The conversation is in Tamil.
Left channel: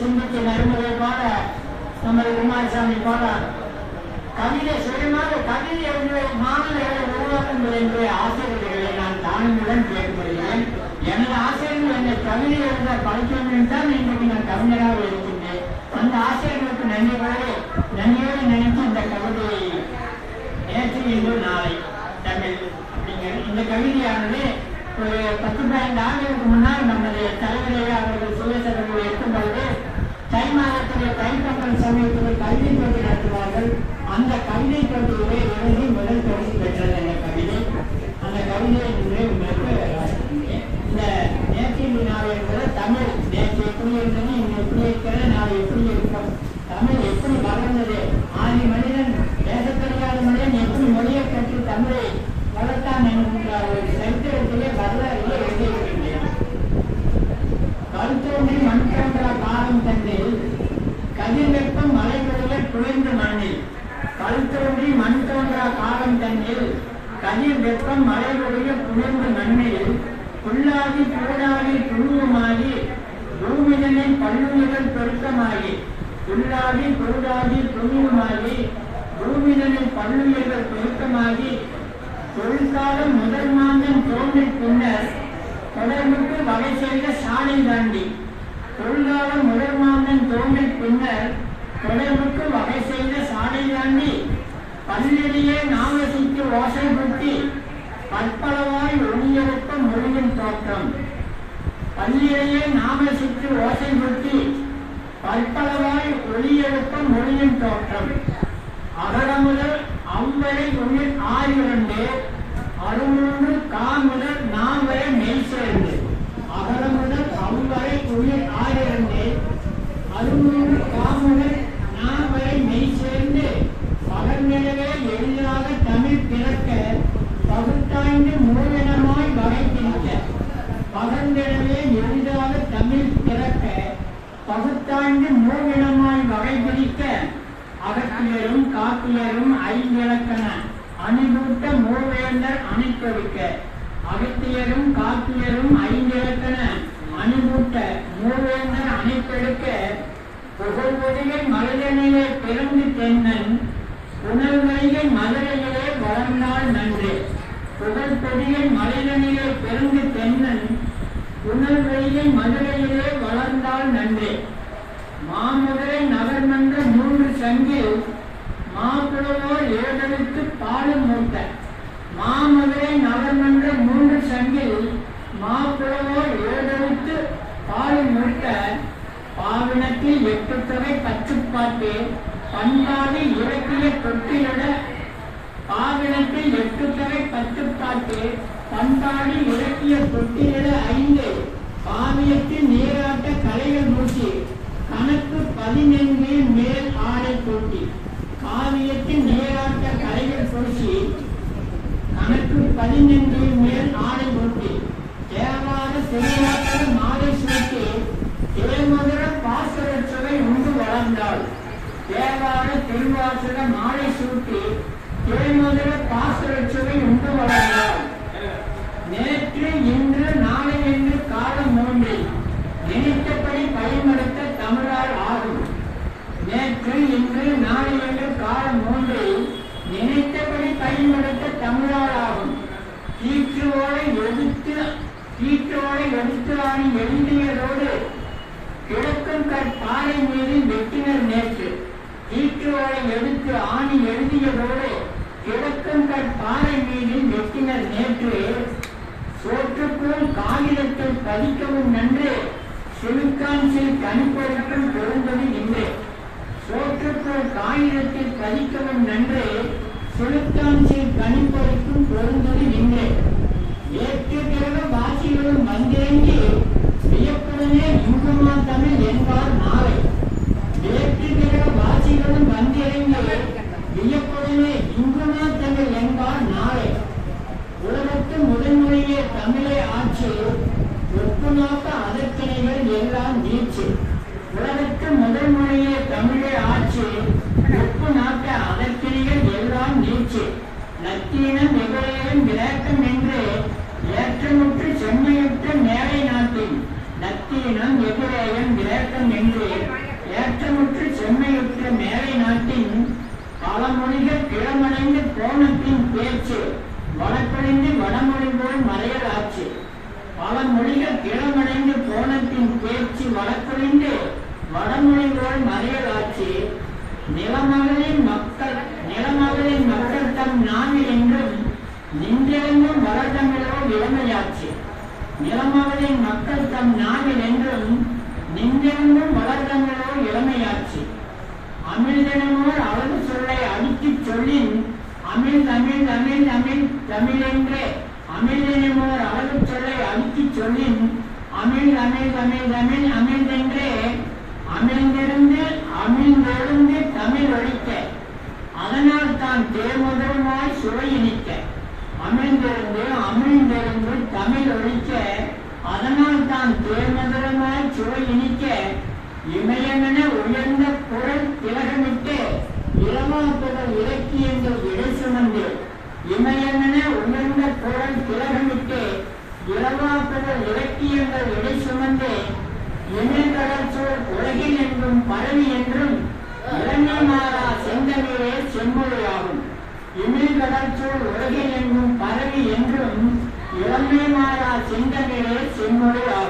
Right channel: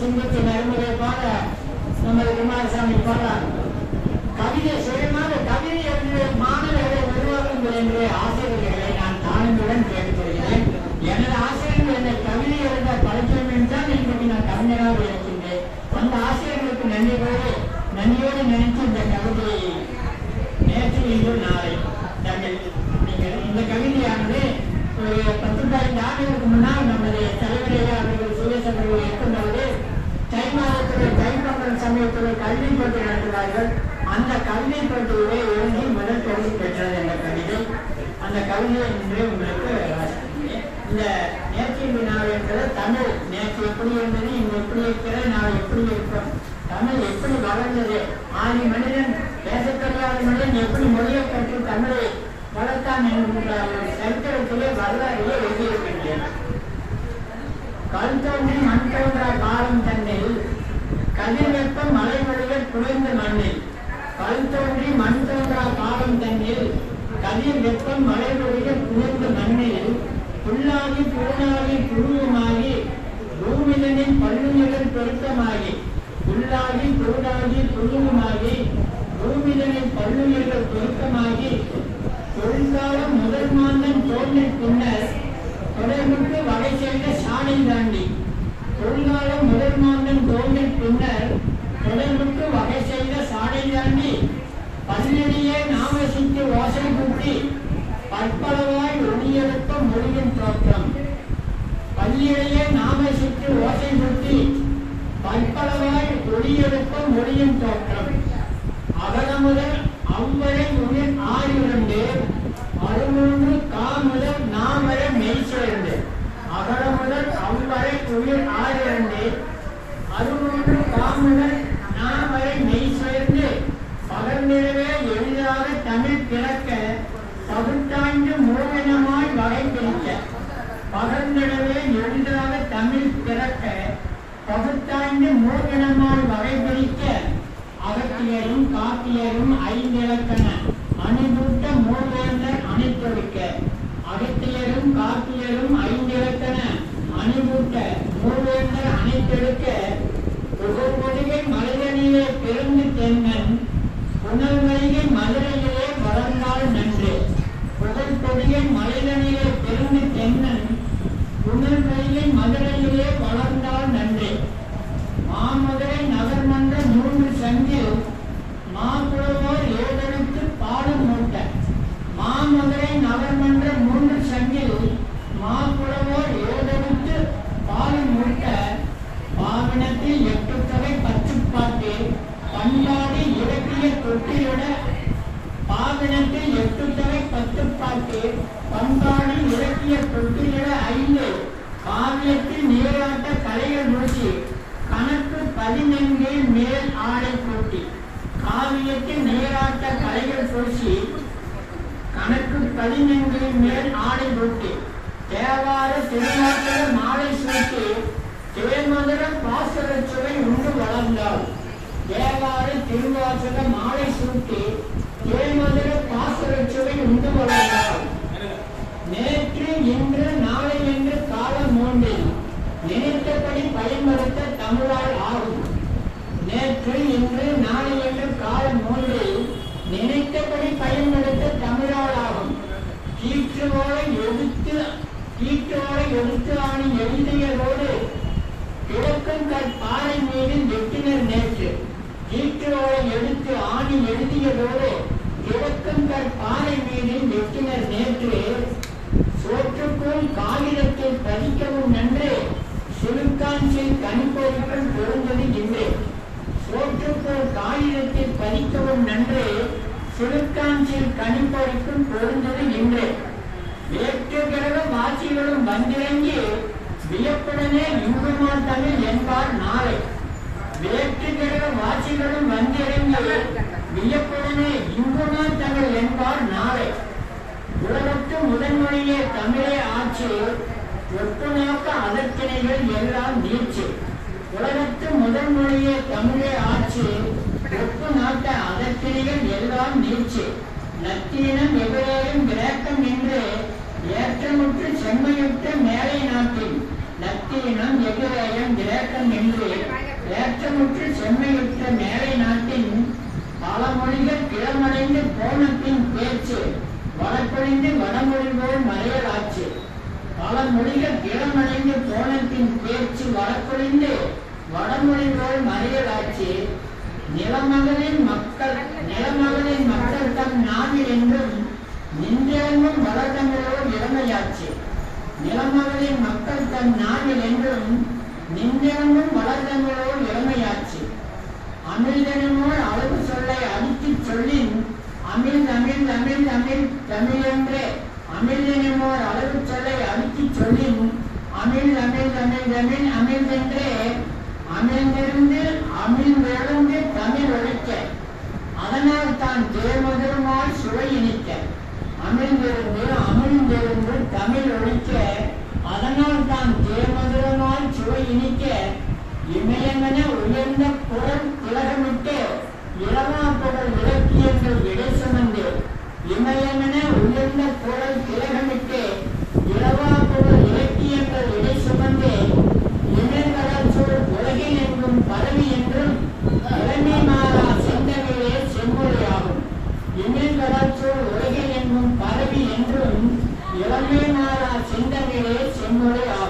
சிந்தித்து நறுமுறை போல நம்ம குமாரசாமி போறார். கவிதை சுயமாக கவிதை மாணவர்களை உருவாக்குங்கள் என்று ஆசிரியர்களை நான் தாழ்மையுடன் கேட்டுக்கொள்கிறேன். எனது ஆசிரியர்கள் என்னை கவிதை எழுத பழக்கணும் தான் இன்றைக்கு நான் கவிஞராக இருக்கின்றேன். அந்த ஆசிரியர்களுக்கு நன்றியோடு நினைத்து இந்த கவிதையை நேற்று இன்று நாளை தமிழ் அப்படிங்கிற இந்த கவிதையானது ஒரு 15 ஆண்டுகளுக்கு முன்னால் நம்முடைய தலைவரையே அவர்கள் சுயசர்கள் இருக்கும் பொழுது தை மாதத்துடைய தைப்பொங்கல் சமயத்துடைய கல்வி போட்டி நடத்துவார்கள். அந்த கவிதை போட்டியிலே எழுதி முதல் பரிசு பெற்றது அந்த கவிதை. அந்த கவிதையை இன்று உங்களுக்கு வாசிக்கின்றேன். இந்த நேற்று வினாவை என்பது தமிழ் நேற்று எப்படி இருந்தது, இங்கு எப்படி இருக்கிறது, நான் எப்படி இருப்போம், தமிழ் எப்படி வளர்ந்தது, ஆதி மனிதன் பேச தெரியாத மனிதன் எப்படி மொழியை கற்று தமிழை வளர்த்தான் என்கின்ற ஒரு சரித்திரத்திலே வரலாறிலே எழுதியிருக்கின்றேன். கல்தோன்றி மண் தோன்றா காலம் தன்னில் கதிர் வெப்பம் மழை பொழிய குளிர்ந்த மண்ணில். கல்தோன்றி மண் தோன்றா காலம் தன்னில் கதிர் வெப்பம் மழை பொழிய குளிர்ந்த மண்ணில் புல்லாகி பூனாகி புழுவமாகி பூமிதனின் பல்லுயிர்கள் பெருக்கமாகி. புல்லாகி பூடாகி புழுவமாகி பூமிதனின் பல்லுயிர்கள் பெருக்கமாகி தொழிற்காலம் முதல் மாதம் தோன்றி பின்னர் தொடர்புக்கு வகை செய்த சாலை தாண்டி. தொழிற்காலம் முதல் மாதம் தோன்றி பின்னர் தொடர்புக்கு வகை செய்த சாலை தாண்டி பல்லிடையே நாமசிக்கு ஓசை குட்டி பற்பளவாய் ஒளியெழுத்த மொழியின் தோற்றம். பல்லிடையே நாமசிக்கு ஓசை குட்டி பற்பளவாய் ஒளியெழுத்த மொழியின் தோற்றம். அகர முதல் அவ்வரை உயிர் 6 அருமூன்று கா முதல் நாம் வரை மெய் சேர்ந்து. அகர முதல் அவ்வரை உயிர் 6 அருமூன்று கா முதல் நாம் வரை மெய் சேர்ந்து பகர்நிலவே எளிதாக தமிழ் பிறக்க பகுத்தாய்ந்து மூலமாய் வகை பிரிக்க. பகர்நிலவே எளிதாக தமிழ் பிறக்க பகுத்தாய்ந்து மூலமாய் வகை பிரிக்க. அகத்தியரும் காப்பியரும் ஐநிலக்கண அணிபூட்ட மூவேந்தர் அணைத்தொடுக்க. அகத்தியரும் காப்பியரும் ஐநிலக்கண அணிபூட்ட மூவேந்தர் அணைத்தொடுக்க. புகழ்வதிகை மலைதனிலே பிறந்து தென்னன் புனல்வதிகை மதுரையிலே வளர்ந்தாள் நன்று. புகழ்பொதிகை மலைதனிலே பிறந்து தென்னன் புனல்வதிகை மதுரையிலே வளர்ந்தாள் நன்று. மாமதுரை நகர்மன்ற 3 சங்கில் மாப்புலவோர் ஏழெழுத்து பாடு மூட்ட. மாமதுரை நகர்மன்ற 3 சங்கில் மாப்புலவோர் ஏழெழுத்து பாடு மூட்ட. பாவினத்தில் 8 தொகை 10 பாட்டு பண்பாடு இலக்கிய தொட்டியிட. பாவினத்தில் 8 தொகை 10 பாட்டு பண்பாடு இலக்கிய தொட்டியிட 5 காவியத்தில் நீராட்ட கலைகள் மூச்சு கணக்கு 14 மேல் ஆடை கொட்டி. காவியத்தில் நீராட்ட கலைகள் பூசி கணக்கு 14 மேல் ஆடை கொட்டி. தேவார திருவாசக மாலை சூட்டு தேமதுர பாசுர சுவை உண்டு வளர்ந்தாள். தேவார திருவாசக மாலை சூட்டி தேமதுர பாசுர சுவை உண்டு வளர்ந்தாள். நேற்று இன்று நாளை என்று காலம் 3 நினைத்தபடி பயன்படுத்த தமிழால் ஆகும். நேற்று இன்று நாளை என்று காலம் 3 நினைத்தபடி பயன்படுத்த தமிழால் ஆகும். கீற்றோடை எடுத்து ஆணி எழுதியதோடு கிழக்கும் பாறை மீது வெட்டினர் நேற்று. கீற்றோடை எடுத்து ஆணி எழுதியதோடு கிழக்கும் பாறை மீது வெட்டினர் நேற்று. சோற்றுக்குள் காகிதத்தில் பதிக்கவும் நன்று சிறுக்காஞ்சில் கணிப்பொருட்கள் பொருந்தது இன்று. சோற்றுக்குள் காகிதத்தில் பதிக்கவும் நன்று சிறுக்காஞ்சில் கணிப்பொருட்கும் பொருந்தது இன்று. ஏற்றுகிற வாசிகளும் வந்திறங்கி வியப்புடனே இங்குமா தமிழ் என்பார் நாளை. வேற்றுகிற வாசிகளும் வந்திறங்கி வியப்புடனே இங்குமா தமிழ் என்பார் நாளை. உலகத்து முதன்மொழியே தமிழே ஆட்சி ஒப்புநாக்க அதற்கிணைகள் எல்லாம் நீச்சு. உலகத்து முதன்மொழியே தமிழே ஆட்சி ஒப்புநாக்க அதற்கிணைகள் எல்லாம் நீச்சு. நத்தீனம் எவரேயும் விளக்கம் என்று ஏற்றமுற்று செம்மையுற்ற மேலை நாட்டின் நத்தீனம் எதிரேயம் விளக்கம் என்று நிறமுற்று செம்மையுற்ற மேலை நாட்டின் பழமொழிகள் கிளமடைந்து போனத்தின் பேச்சு வழக்கறிந்து வடமொழிபோல் மறையலாச்சு. பல மொழிகள் கிளமடைந்து போனத்தின் பேச்சு வழக்கறிந்து வடமொழிபோல் மறையலாச்சு. நிலமகளின் மக்கள் தம் நாவில் என்றும் நின்றெங்கும் வளர்த்தமிழோர் இளமையாச்சு. நிலமகளின் மக்கள் தம் நாவில் என்றும் நின்றெங்கும் வளர்த்தமிழோர் இளமையாச்சு. அமிழ்தெனுமோர் அழகு சொல்லை அடித்துச் சொல்லின் அமிழ் தமிழ் தமிழ் தமிழ் தமிழ் என்றே அமிழ்தெனுமோர் அழகு சொல்லை அடித்துச் சொல்லின் அமிழ் தமிழ் தமிழ் தமிழ் அமிழ்தென்றே அமிழ்ந்தெழுந்து தமிழ் ஒழிக்க அதனால் தான் தேர்முதலுமாய் சுவை இனிக்க. அமிழ்ந்தெழுந்து தமிழ் ஒழிக்க அதனால் தான் தேர்முதலுமாய் சுவை இனிக்க. இமயமென உயர்ந்த குரல் திலகமிட்டு இளமாப்புகள் இலக்கியங்கள் இடை சுமந்து. இமயமென உயர்ந்த குரல் திலகமிட்டு இளமாப்புகள் இலக்கியங்கள் இடை சுமந்து. இமயக்கடல் சூழ் உலகில் என்றும் பரவி என்றும் இளமை மாறா செந்தமிழே செம்மொழியாகும். இமயக்கடல் சூழ் உலகில் என்றும் பரவி என்றும் இளமை மாறா செந்தமிழே செம்மொழியாகும்.